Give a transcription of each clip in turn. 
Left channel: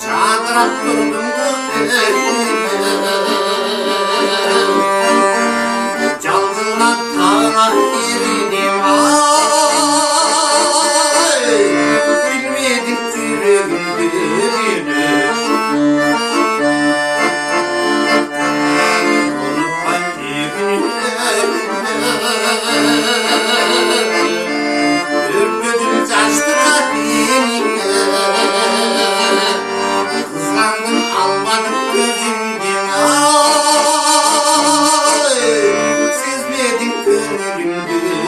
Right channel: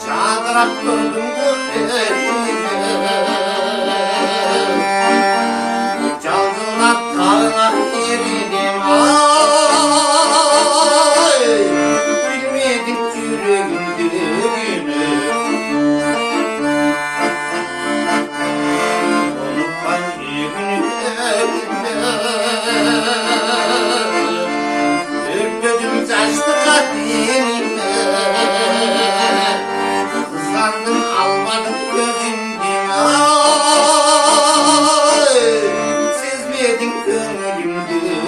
çadırak durdum cancına tağına girdim ay bilmedim yüreğin birini unutmayın ürpedim saçtı kalbimine kızlandım almadım gözümden ay sezmedin gönlüm düğünü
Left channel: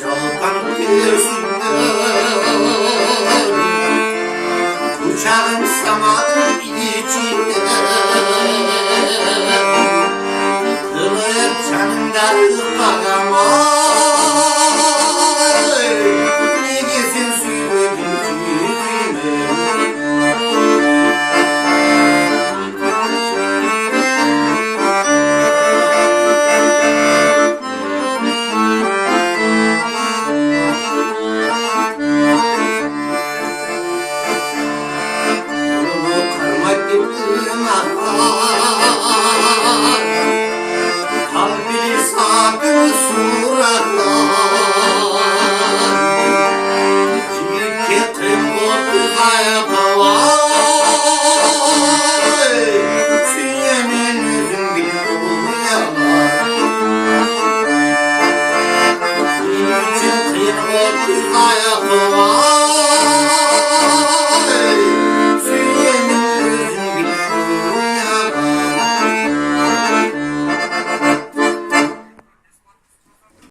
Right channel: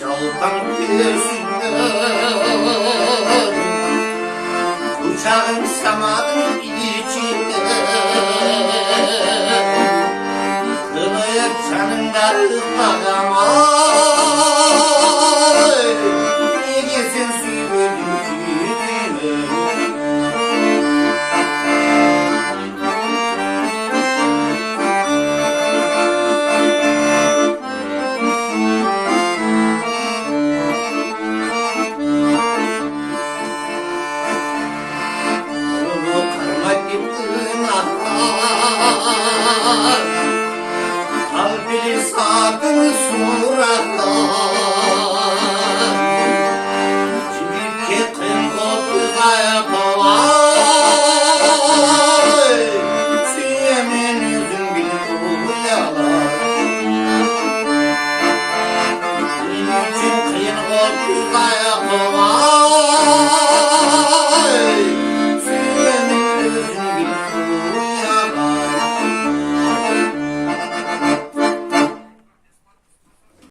Çalkan gözünden uçağım samanın içinde